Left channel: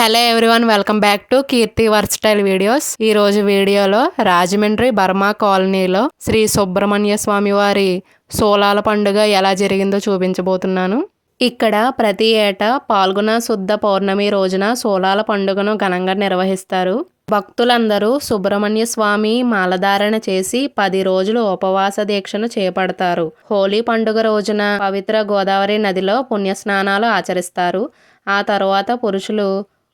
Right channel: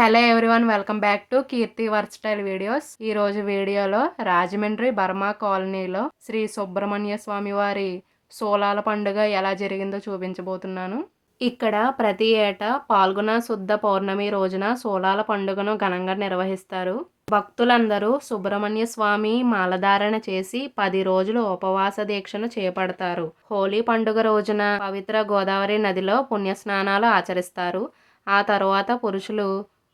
Hello everyone welcome back to Keerthi versatile videos. ఈ రోజు వీడియోలో రాజమండ్రి బర్మా కాలనీలో శ్రీ సుబ్రహ్మణ్య స్వామి వారి సోలాల పండుగ ఎలా జరిగిందో చూపించబోతున్నాను. ఇక్కడ ప్రతి ఏటా పాల్గొన శుద్ధ పౌర్ణమి రోజున సోలాల పండుగను ఘనంగా నిర్వహిస్తారు. భక్తులందరూ సుబ్రహ్మణ్య స్వామి మాలధారణ చేసి పది రోజులు ఉపవాస దీక్షను చేపడతారు. హోలీ పండుగ రోజున పవిత్ర గోదావరి నదిలో పుణ్యస్నానాలు ఆచరిస్తారు. ఆ తర్వాత పురుషులు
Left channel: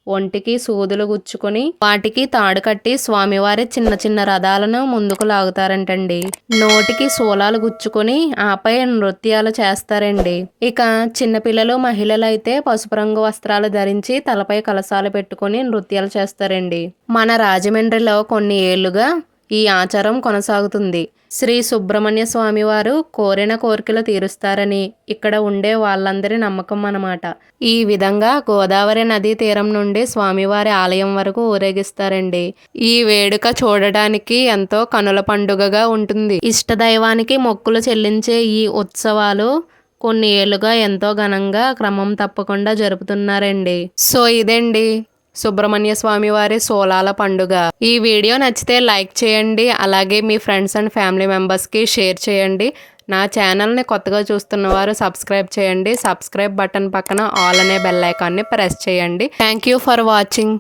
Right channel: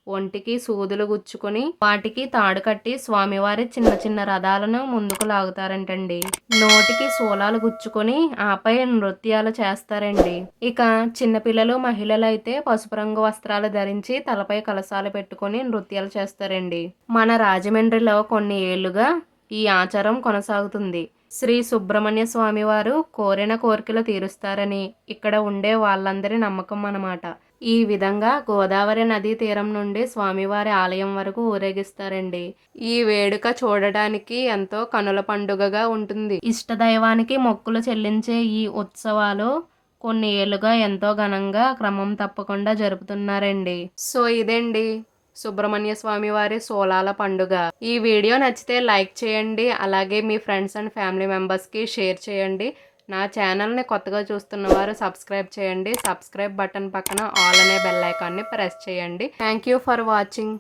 ఒంటికి సూదులు గుచ్చుకొని వాటికి తాడు కట్టి స్వామివారి చిన్న చిన్న రథాలను ముందుకు లాగుతారంటండి. నోటికి సోలాలు గుచ్చుకొని ఆపై నృత్యాలు చేస్తారండి. ఇక చిన్నపిల్లలు మహిళలు అయితే పసుపు రంగు వస్త్రాలు ధరించి తలపై కలసాలు పెట్టుకొని నృత్యాలు చేస్తారండి. మన రాజమండ్రిలో కొన్ని ఏళ్ళుగా ఈ ఆచారం కొనసాగుతుంది. శ్రీ సుబ్రహ్మణ్య స్వామి వారు కోరిన కోరికలు తీరుస్తారని ఇక్కడ ఉండే వాళ్ళందరి నమ్మకం అన్నమాట. ఈ విధంగా గోదావరి నదీ తీరం నుండి స్వామివారి ఆలయం వరకు ఊరేగిస్తారండి. ఈ వేడుక చూడడానికి ఎంతో కనుల పండుగగా ఉంటుంది. ఇష్టదైవానికి మొక్కులు చెల్లించే ఈ ఉత్సవాలు కొన్ని ఏళ్ళుగా ఎంతో ఘనంగా క్రమం తప్పకుండా జరుపుతున్నారండి. సో ఇదండి? సుబ్రహ్మణ్య స్వామి వారి సోలాల పండుగ. ఈ వీడియో నచ్చితే లైక్ చేయండి అలాగే మీ ఫ్రెండ్స్ అండ్ ఫ్యామిలీ మెంబర్స్కి షేర్ చేయండి. నా ఛానల్ని కొత్తగా చూస్తున్న వారు సబ్స్క్రైబ్ చేయండి. సబ్స్క్రైబ్ బటన్ పక్కన ఆల్ అనే బెల్ ఐకాన్ని ప్రెస్ చేయండి. Thank you for watching.